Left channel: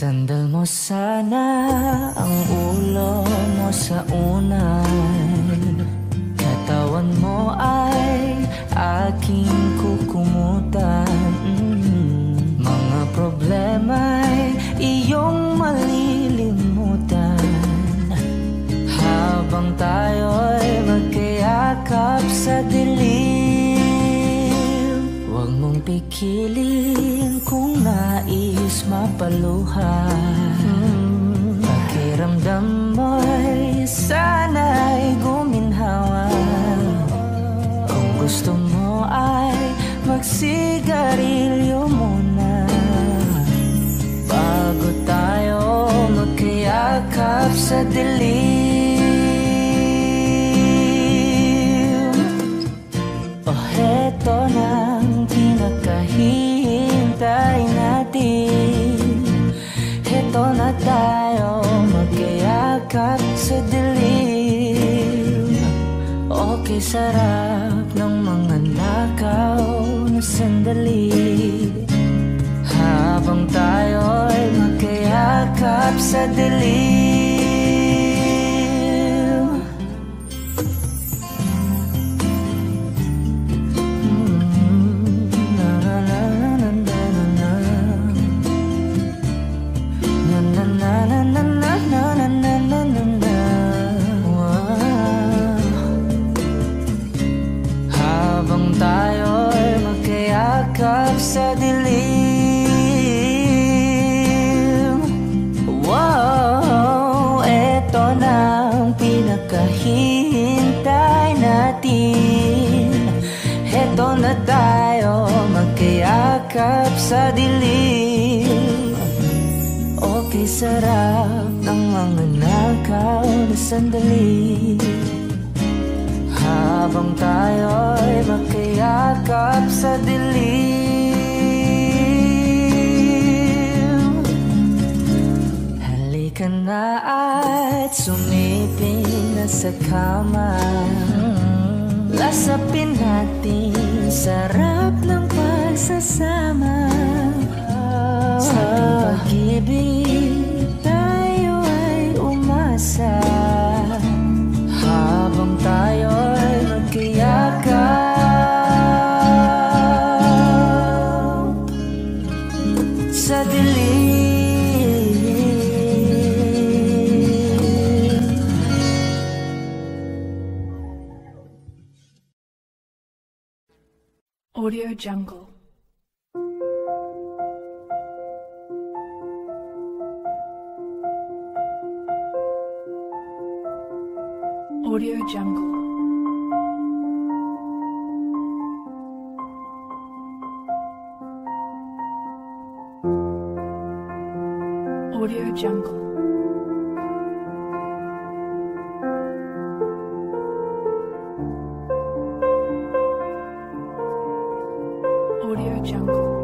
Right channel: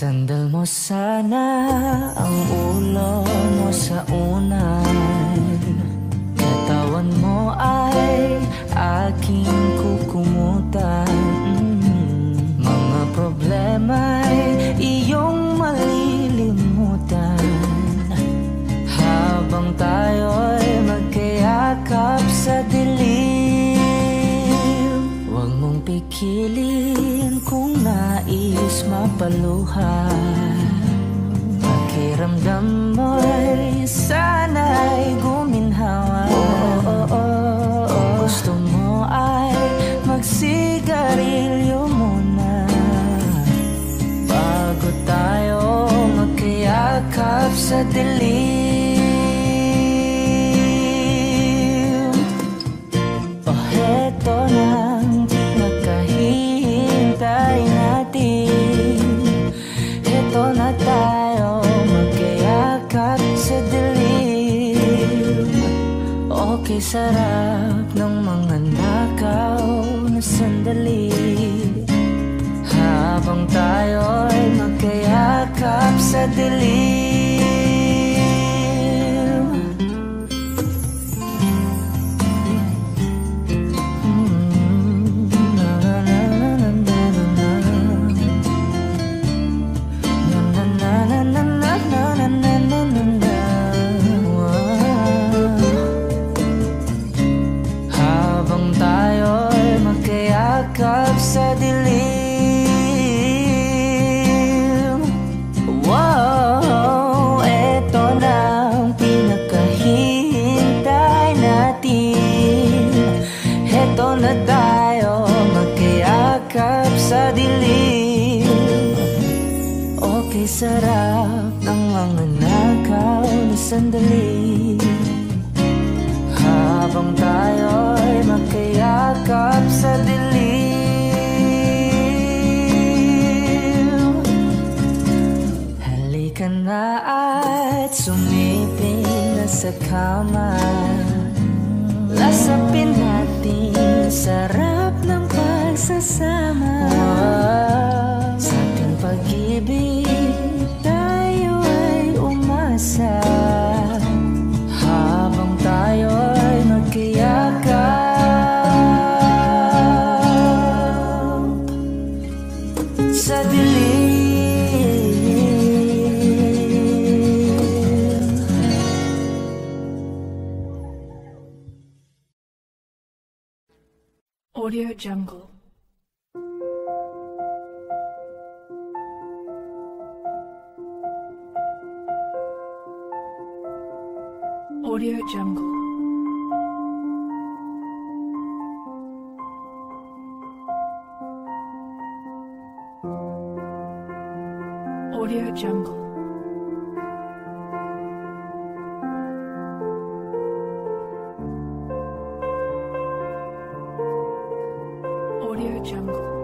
Isandal mo sana ang ulo mo sa unan, katawan mo ay aking kukumutan. Mga problema'y iyong malilimutan habang tayo'y magkayakap sa dilim. Huwag mong pikilin kung nais mapaluhan. Pakiramdam mo'y sana'y guminhawa. Kung gusto mo ay magsigarilyo muna bago tayo magkayakap sa dilim. O heto nang pinakahihintay natin. Heto na tayo magkayakap sa dilim. Okay, sarap ng mga nakaw na sandali habang tayo'y magkayakap sa dilim. Na na na na na na na na na na na na na na na. Habang tayo'y magkayakap sa dilim. Wow, eto na ang pinakahihintay natin. Eto na tayo magkayakap sa dilim. Okay, sarap ng mga nakaw na sandali habang tayo'y magkayakap sa dilim. Halika na at sumiping na sa kama. Lasapin natin sarap ng pagsasama. Sa ating pag-ibig tayo ay umasa habang tayo'y magkayakap sa dilim. Audio Jungle. Audio Jungle. Audio Jungle. Audio Jungle.